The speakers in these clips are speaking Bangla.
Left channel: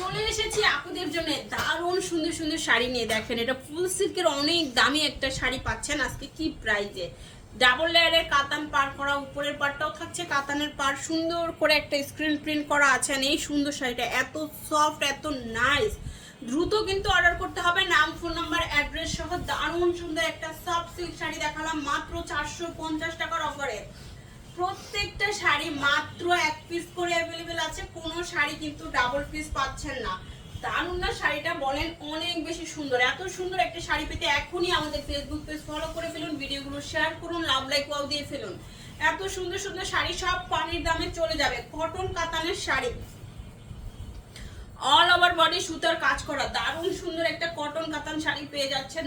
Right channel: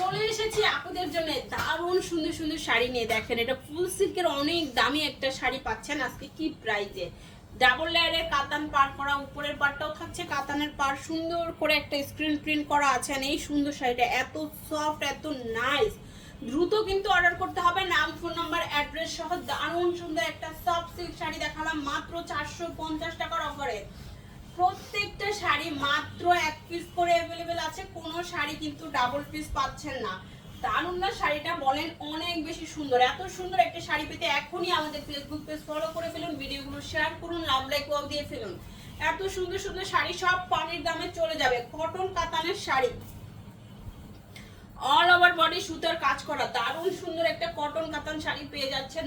চলে এসেছি আপনাদের জন্য দারুণ সুন্দর সুন্দর শাড়ি নিয়ে। দেখেন এটা ফুল সিল্কের অনেক দামি একটা শাড়ি পাচ্ছেন আজকে কি প্রাইজে। ডাবল লেয়ারের কাতান পার করা, উপরের পাটটাও থাকছে কাতানের পার, সুন্দর করে একটা স্ক্রিন প্রিন্ট করা আছে। এই সুন্দর শাড়িটা এত সফট, এত নাইস। দ্রুত কিন্তু অর্ডার করতে হবে, নাম, ফোন নাম্বার, অ্যাড্রেস সহ। দারুণ সুন্দর একটা সফট সিল্ক শাড়ি দেখালাম মাত্র 450 টাকার অফারে। প্রত্যেকটা শাড়ি মাত্র এক পিস করে অ্যাভেলেবেল আছে, কোনো শাড়ি কিন্তু ডাবল পিস পাচ্ছেন না। দারুণ না শাড়িটা, বলেন অনেক বেশি সুন্দর। এত সুন্দর একটা শাড়ি পেতে এখনই আমাদের ফেসবুক পেজ ফলো করে ফেলুন, ভিডিওগুলো শেয়ার করুন, লাভ লাইক ওয়াও দিয়ে ফেলুন। এত সুন্দর সুন্দর শাড়ি সব পানির দামে চলে যাবে। কটন কাতানের শাড়ি, অল ওভার বডি সুতার কাজ করা, দারুণ সুন্দর একটা কটন কাতান শাড়ি পেয়ে যাচ্ছেন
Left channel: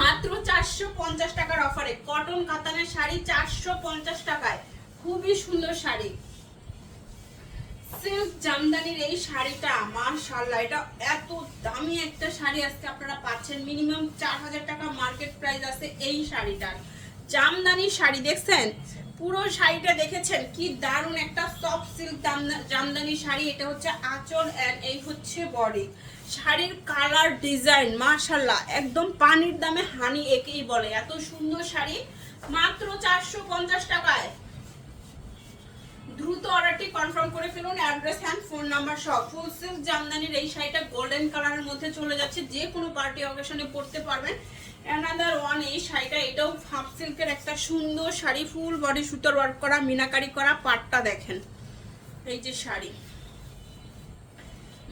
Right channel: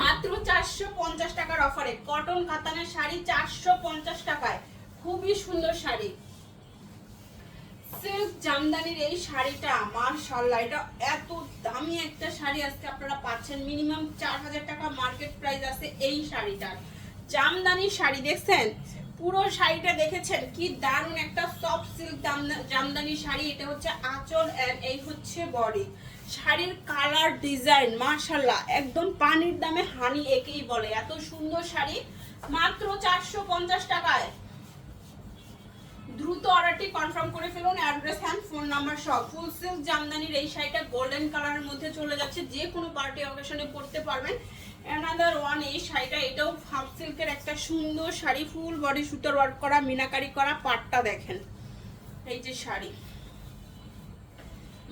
মাত্র 450 টাকার অফারে। কটন কাতানের শাড়ি 450 টাকায়, খুবই সুন্দর শাড়ি। সিল্ক জামদানির এই শাড়িটা মাশাআল্লাহ, এটা এত দামি একটা শাড়ি আজকে আপনারা পাচ্ছেন। মিনিমাম 4000 টাকা মার্কেট প্রাইস আছে এই শাড়িটার। জামদানি শাড়ি দেখছেন, পুরো শাড়িটা দেখেছেন কি দারুণ একটা সফট সিল্ক জামদানি শাড়ি। এটা হচ্ছে আঁচল এন্ড এই হচ্ছে বডি। শাড়ির কালার ডিজাইন মাশাআল্লাহ একদম পানির দামে হানি একেই বলে। এত সুন্দর শাড়ি মাত্র 450 টাকায়। দ্রুত অর্ডারটি কনফার্ম করে ফেলুন, অ্যাড্রেস এন্ড ফোন নাম্বার সব। ফুল সিল্ক জামদানির এই শাড়িটা গোল্ডেন কালারের মধ্যে চলে যাচ্ছে, যে কোনো পার্টি অকেশনে পরতে পারবেন। অ্যানাদার ওয়ান এই শাড়িটা, এটাও হাফ সিল্কের একটা সুন্দর শাড়ি, ফুল বডি সুতোর ওয়ার্ক করা, মিনাকারি করা। পাটটা দেখেন, এই যে শাড়ি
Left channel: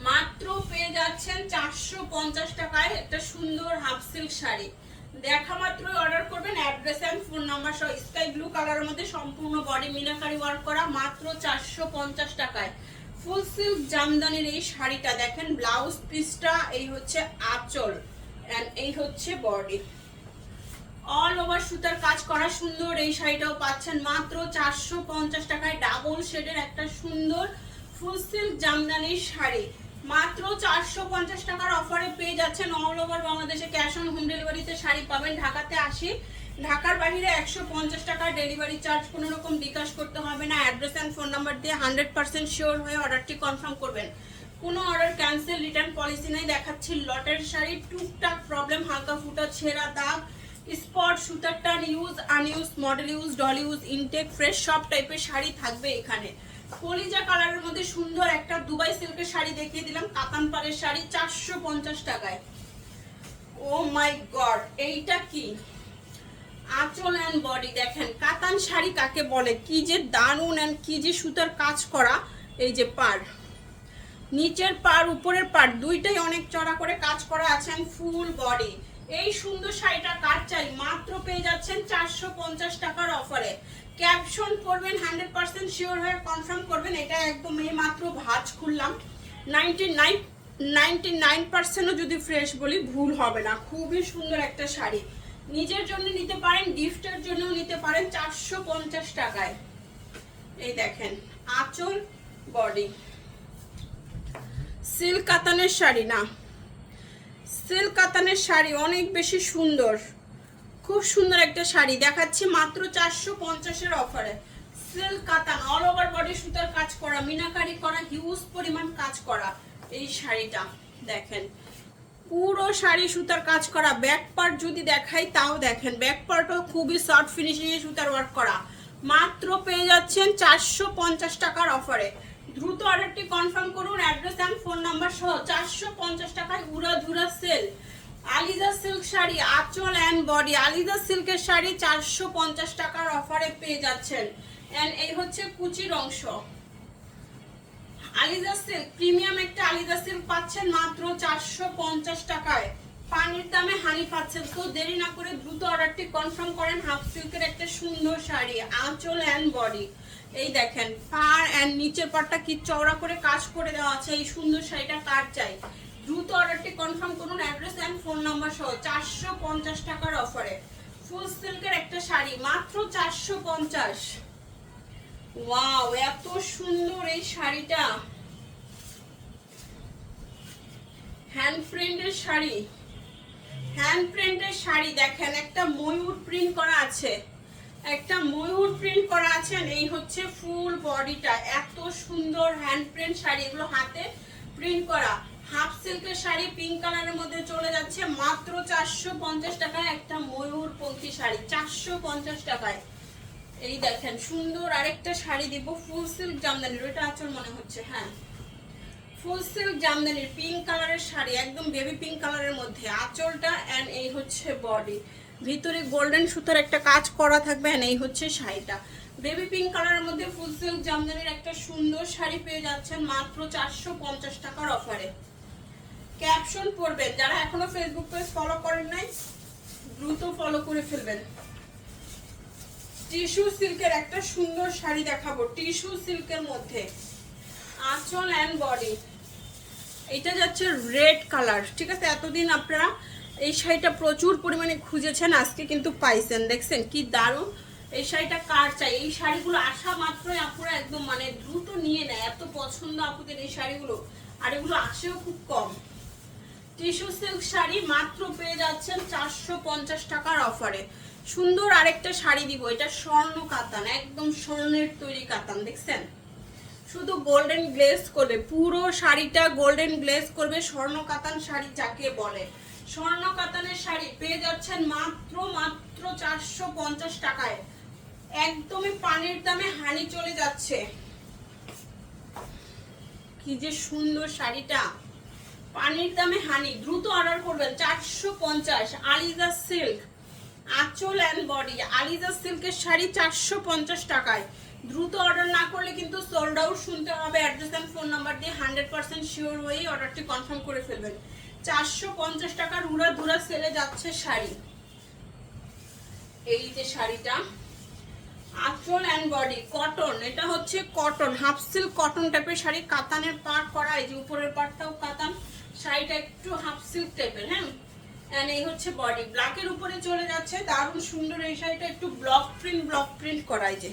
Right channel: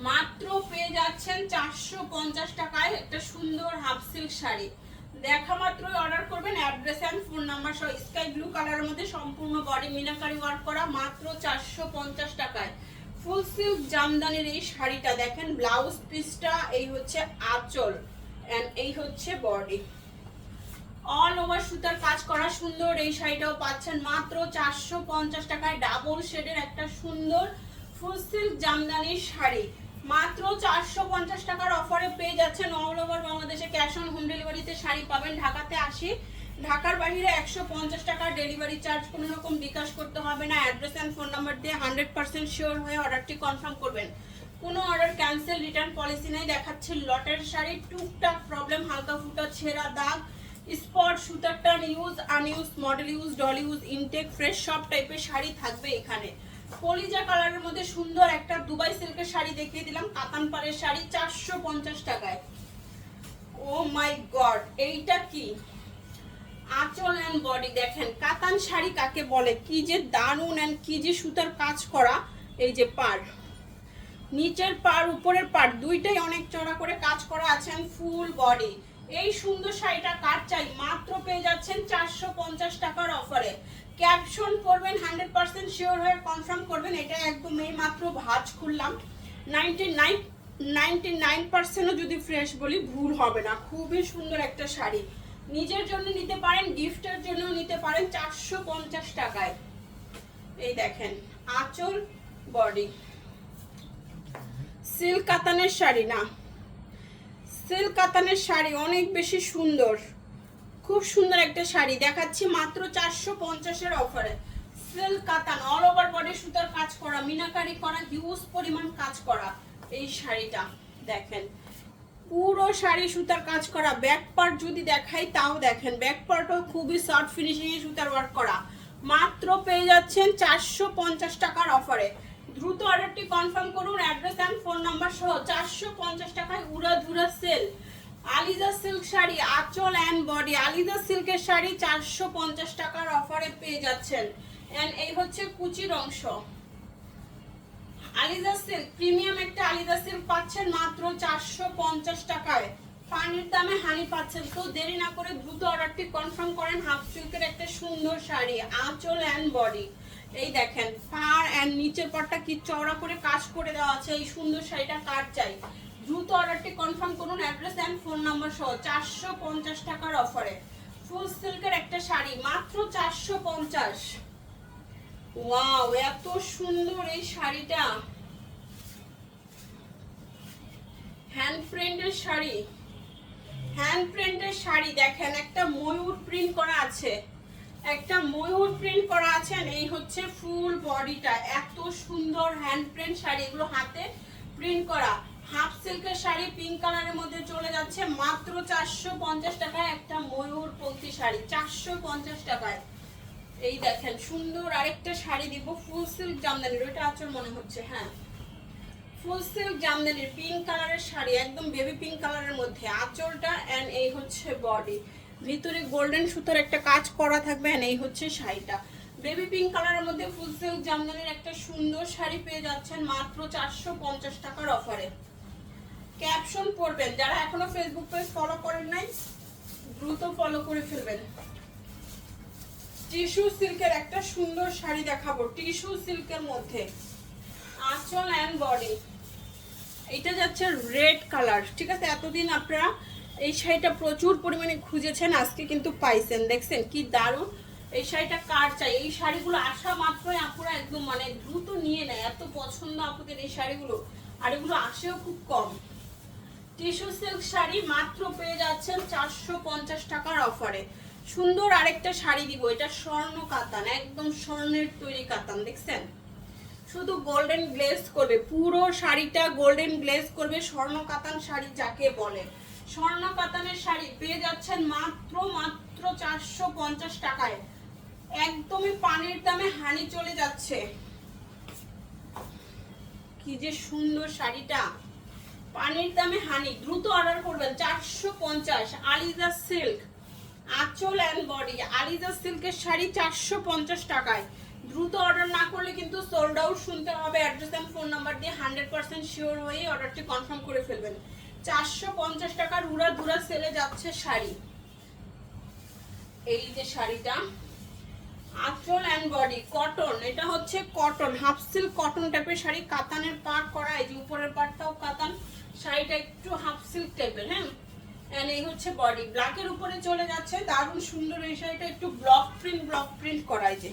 মাত্র পেয়ে যাচ্ছেন 450 টাকায় একটা সুন্দর হাফ সিল্ক শাড়ি। দেখা মাত্রই অর্ডার করবেন, অ্যাড্রেস এন্ড ফোন নাম্বার সহ। স্কাই ব্লু কালারের মধ্যে সম্পূর্ণ বডি মিনাকারি ওয়ার্ক করা, মাত্র 450 টাকায়। ফুল সিল্ক জামদানির এই শাড়িটা দেখেন, ব্লাউজ পিসটা এই হচ্ছে আঁচল এন্ড এই হচ্ছে বডি, অল ওভার সুতার কাজ করা সুন্দর। এই শাড়িটাও পাচ্ছেন মাত্র 450 টাকায়। ডাবল শেডের একটা সুন্দর ফুল সিল্ক জামদানির শাড়ি মাত্র 450 টাকার অফারে পেয়ে যাচ্ছেন। অল ওভার বাংলাদেশে ক্যাশ অন হোম ডেলিভারিতে শাড়ি পাবেন। ঢাকাতে 80, ঢাকার বাইরে 150 টাকার ডেলিভারি চার্জ, কোনো রকম বিকাশ করতে হবে না। অ্যাড্রেস এন্ড ফোন নাম্বার দিয়ে 100% শিওর হয়ে অর্ডারটি কনফার্ম করবেন। কোনো অর্ডার ক্যান্সেল, রিটার্ন পলিসি নেই। দেখাচ্ছি লটের শাড়ি, টুকটাক প্রবলেম, হালকা ফুটা ছেঁড়া দাগ, স্পট, সুতার টান, use unused, model use, doll use, intact, fresh সব টাইপের শাড়ি থাকবে এখানে। কলিজা কালারের মধ্যে সুন্দর একটা দুবাই সিল্কের শাড়ি দেখিয়ে দিলাম, কাতান পাড়ের শাড়ি 450 টাকায়। ও মাই গড, এইটা কি আঁচল এন্ড বডি দেখেন। কাতান শাড়ি কাকে বলে, কি যে দারুন এন্ড কি যে সুতার কাজ করা। এই যে পাড়, নিচের পাড় উপরের পাড় দুইটাই অনেক চড়া করে কাজ করা আছেন, ফুল বডি। এই সুন্দর শাড়িটা কার চাই, মাত্র পেয়ে যাচ্ছেন 450 টাকার অফারে। ক্যাপশন করবেন, 100% শিওর হয়ে কনফার্ম করবেন। এটা একদম এই মাত্র ভাঁজ খুললাম, 99% যদি ফ্রেশ বলি ভুল হবে না। খুবই সুন্দর একটা শাড়ি, নিজের জন্য নিতে পারেন, গিফটের জন্য নিতে পারেন 450 টাকায়। এই দেখেন আঁচল বডি, সিল্ক কাতানের শাড়ি না, সিল্ক কাতানের শাড়ি অনেক বেশি সুন্দর, খুব সুন্দর একটা শাড়ি দেখাচ্ছি মাত্র 450-এর অফারে। সিল্ক কাতান, অল ওভার বডি সুতার কাজ করা, মিনাকারি করা, হিউজ পরিমাণ কাজ করা। এই শাড়িটা দেখেন, পুরো শাড়ি সুতার কাজ করা। ব্যাক পার্ট যদি দেখাই তাও দেখেন, ব্যাক পার্টও খুবই সফট ফিনিশিং এ সুতার ওয়ার্ক করা। মাত্র পেয়ে যাচ্ছেন 450 টাকার অফারে। দ্রুত অর্ডারটি কনফার্ম করুন, অ্যাড্রেস এন্ড ফোন নাম্বার সহ। 450 টাকায় উড়াধুরা সেল। আলিজা সিল্ক শাড়ি, আঁচল এন্ড বডি, আলিজা সিল্কের শাড়ি 450 টাকার অফারে পেয়ে যাচ্ছেন। এন্ড এই হচ্ছে কুচির অংশ। আলিজা সিল্ক প্রিমিয়াম একটা আলিজা সিল্ক পাচ্ছেন মাত্র 450 টাকায়। পানির দামে হানি পাচ্ছেন। তো দেরি না করে দ্রুত অর্ডারটি কনফার্ম করেন। হাফ সিল্কের একটা সুন্দর শাড়ি, আঁচল এন্ড বডি। এই দেখেন পাড় এন্ড নিচের পাড়টা কি চওড়া করে কাজ করে দেওয়া আছে। এই সুন্দর শাড়িটা কার চাই, দ্রুত অর্ডারটি কনফার্ম করুন, অ্যাড্রেস এন্ড ফোন নাম্বার সহ। 450 টাকার অফারে ফুল সিল্কের একটা শাড়ি মাত্র 450। ওয়াও, এত সুন্দর এই শাড়িটা, হ্যান্ড প্রিন্টের শাড়ি, হ্যান্ড প্রিন্টের শাড়ি দেখেন, একটা ময়ূর প্রিন্ট করা আছে। একটা ময়ূর প্রিন্ট করা আছে, এই হচ্ছে ফুল বডিটা। এত সুন্দর হ্যান্ড প্রিন্ট শাড়ি, এগুলো হাতে প্রিন্ট করা। হাফ সিল্কের শাড়ি পিঙ্ক কালারের মধ্যে চলে যাচ্ছে মাত্র 450 টাকায়। একটা ময়ূর পঙ্ক্তি শাড়ি 450 টাকায়। এই দেখেন সুন্দর আরেকটা শাড়ি দিব, ফুল সিল্ক জামদানির, ওইটা আঁচল মনে হচ্ছে, হ্যাঁ ফুল সিল্ক জামদানির পিঙ্ক কালারের শাড়ি, একদম বেবি পিঙ্ক কালারের মধ্যে আঁচলটা এন্ড এই হচ্ছে বডি, ভিতরে গোল্ডেন সুতার একটা কাজ করা থাকবে এন্ড এই হচ্ছে শাড়িটা। বেবি পিঙ্ক কালারের মধ্যে ফুল সিল্ক জামদানির একটা সুন্দর শাড়ি পেয়ে যাচ্ছেন মাত্র 450 টাকার অফারে। ক্যাপশন পড়বেন, যারা এখনো ফেসবুক পেজ ফলো করেন নাই দ্রুত ফলো করে ফেলবেন। টিস্যু সিল্কের একটা সুন্দর শাড়ি দেখাবো, টিস্যু সিল্কের মধ্যে আঁচল এন্ড বডি। এটা যাচ্ছে রেড কালার, ঠিক আছে। এতদিন আপনারা এই শাড়িটা প্রচুর পরিমাণে খুঁজেছেন, আজকে কিন্তু পাইছেন। দেখছেন কি দারুণ এই শাড়িটা, কার চাই? এই শাড়িগুলো আসা মাত্রই আপুরা একদম মানে দ্রুত নিয়ে নেয়, এত পছন্দ আপুদের এই শাড়িগুলো, আর এগুলো আসেও খুব কম। টিস্যু সিল্ক শাড়ি মাত্র পেয়ে যাচ্ছেন 450 টাকার অফারে। সুন্দর আরেকটা শাড়ি দিব, এটা স্বর্ণ কাতান, একদম স্বর্ণের তৈরি কাতান, দেখছেন শুধু গোল্ডেন গ্লেজ করবে, পুরো শাড়িটা গোল্ডেন গ্লেজ করবে। স্বর্ণ কাতান শাড়ি যাকে বলে, স্বর্ণ কাতানের শাড়ি পেয়ে যাচ্ছেন মাত্র 450 টাকায়। একদমই পানির দামে হানি চলে যাচ্ছে। কি যে সুন্দর শাড়িটা, পানির দামে হানি, দ্রুত অর্ডার করবেন। 450 আলিজা সিল্ক, আঁচল এন্ড বডি আলিজা সিল্কের শাড়ি 450 টাকায়। দ্রুত অর্ডার না করলে কিন্তু সোল্ড আউট শুনতে হবে। অ্যাড্রেস এন্ড ফোন নাম্বার দিয়ে 100% শিওর হয়ে অর্ডারটি কনফার্ম করে ফেলবেন। 450 টাকার উড়া দুরা সেলে যাচ্ছে শাড়ি। এই যে শাড়িটা আঁচল এন্ড বডি কটন, এটা হচ্ছে কটন, হাফ সিল্ক কটন টাইপের শাড়ি, কাতানের পাড় করা, এই যে উপরের পাড়টাও কাতান, শাড়িটা একটু হাফ সিল্ক টাইপের, হ্যাঁ এন্ড এই হচ্ছে বডি। ব্ল্যাকের উপরে চলে যাচ্ছে, দারুণ সুন্দর এই শাড়িটা, একটু ব্লক প্রিন্ট করাই যে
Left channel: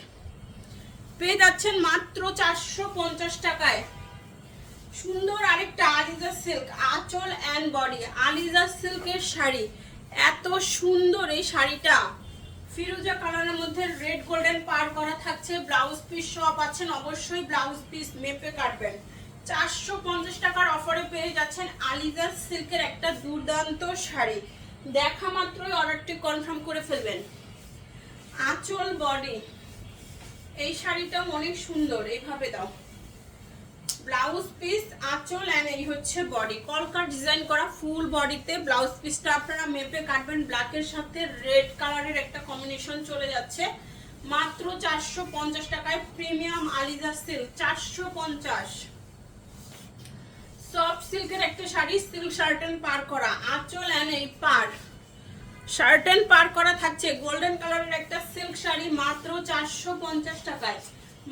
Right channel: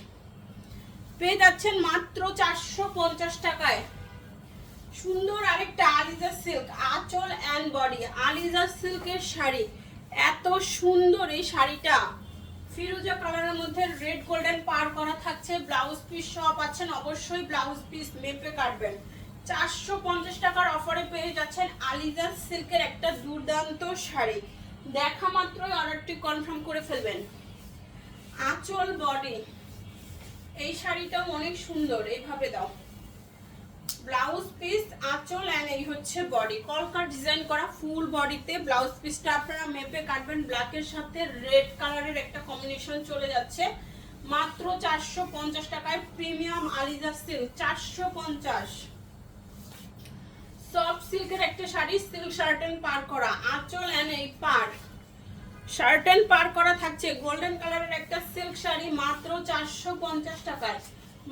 পেয়ে যাচ্ছেন মাত্র 450 টাকায়। সুন্দর আরেকটা আলিজা সিল্ক, আঁচল এন্ড বডি আলিজা সিল্কের শাড়ি, এত সুন্দর এই শাড়িটা, ফিরোজা কালারের মধ্যে রেড গোল্ডেন পার করা থাকছে। ব্লাউজ পিস সহ পাচ্ছেন, অবশ্যই ব্লাউজ পিস মেপে কাটবেন। 450 টাকার অফারে পেয়ে যাচ্ছেন আলিজা সিল্কের একটা দুর্দান্ত শাড়ি। দেখা মাত্রই অর্ডারটি কনফার্ম করে ফেলবেন। আঁচল বডি, এই শাড়িটা অনেক সুন্দর, এইভাবে দাও, ব্লাউজ পিস আঁচল এন্ড এই হচ্ছে বডি, কলকা ডিজাইন করা ফুল বডিতে। ব্লাউজ পিসটা আপনারা মেপে কাটবেন, ব্ল্যাকের সাথে রেড কালারের একটা কম্বিনেশন চলে যাচ্ছে মাত্র 450 টাকায়। Premium Aliza silk 450। সফট সিল্কের একটা শাড়ি, সিল্ক শার্টেন পার করা, আঁচল এন্ড এই পার, শার্টেন পার করা থাকছে। গোল্ডেন কালারের একটা সিল্ক শাড়ি মাত্র 450 টাকায়,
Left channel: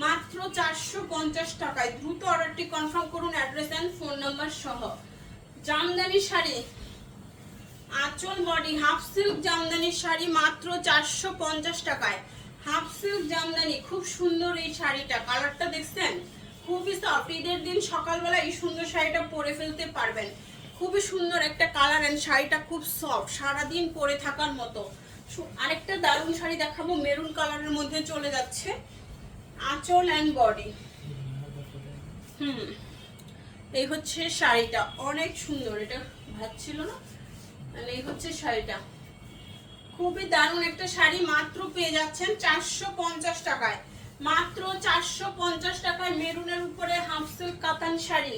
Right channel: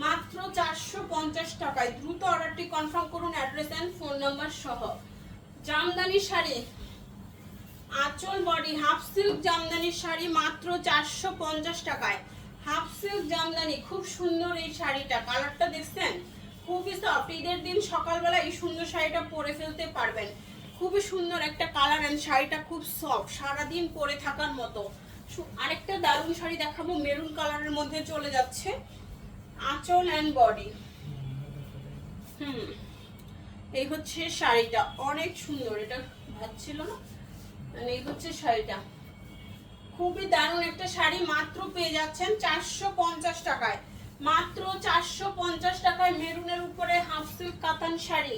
মাত্র 450 টাকায়। দ্রুত অর্ডারটি কনফার্ম করুন অ্যাড্রেস এন্ড ফোন নাম্বার সহ। জামদানি শাড়ি, আঁচল body half silk Jamdani sari মাত্র 450 টাকায়। হাফ সিল্ক জামদানি, খুব সুন্দর এই শাড়িটা, কালারটা দেখছেন খুবই সফট। ঈদের দিন সকালবেলা এই সুন্দর শাড়িটা পরে ফেলতে পারবেন, খুবই সুন্দর একটা কালার এন্ড শাড়িটা খুব সফট, সারাদিন পরে থাকার মতো। আরেকটা দারুণ শাড়ি দেখাবো, মেরুন কালারের মধ্যে চলে যাচ্ছে, আঁচল এন্ড বডি। এই হচ্ছে শাড়িটা, অনেক সুন্দর, এটা ভাবছিল না, মানে এই হচ্ছে শাড়িটা, খুবই দারুণ একটা শাড়ি। মাত্র পেয়ে যাচ্ছেন 450 টাকায়, মাত্র 450 টাকায়। মেরুনের উপরে হাফ সিল্ক কাতান শাড়ি,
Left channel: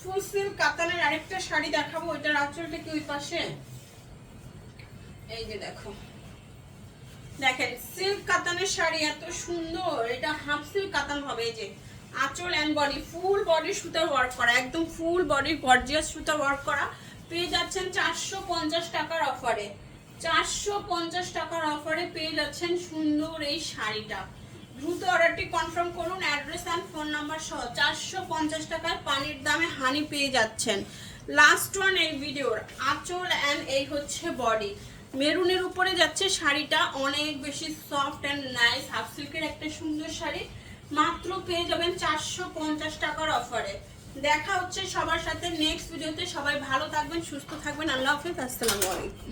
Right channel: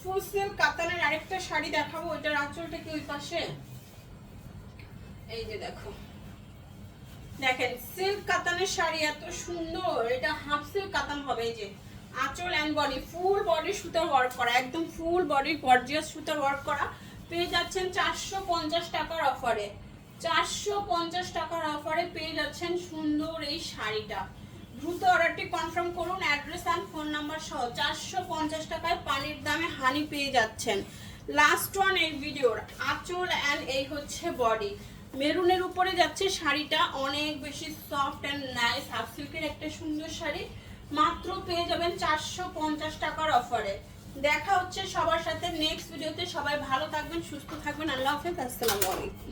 ফুল সিল্ক কাতানের আরেকটা শাড়ি দেখাবো, ওইটার আঁচলটা কি ওই পাশে, এই যে দেখো, দেখেন সিল্ক কাতানের শাড়ি এত সুন্দর, এটা হাফ সিল্ক কাতান হবে। এই যে আঁচল এন্ড বডি, ফুল বডি সুতার ওয়ার্ক করা, একদম ফুল বডি গর্জিয়াস সুতার ওয়ার্ক করা। পেয়ে যাচ্ছেন 450 টাকার অফারে, 450 টাকার অফারে পেয়ে যাচ্ছেন সুন্দর এই শাড়িটা। দ্রুত অর্ডারটি কনফার্ম করুন অ্যাড্রেস এন্ড ফোন নাম্বার সহ। 450 টাকায় পানির দামে হানি পেয়ে যাচ্ছেন। লাস্ট ওয়ান এই ভিডিওর, আঁচল এন্ড এই হচ্ছে বডি। মেরুনের উপরে যাচ্ছে শাড়িটা, অনেক বেশি সফট এন্ড নাইস, হাফ সিল্কের একটা সুন্দর শাড়ি, মাত্র পেয়ে যাবেন 450 টাকার অফারে। দেখা হচ্ছে সবার সাথে নেক্সট ভিডিওতে। সবাই ভালো থাকবেন, সুস্থ থাকবেন, আল্লাহ হাফেজ, আসসালামু আলাইকুম।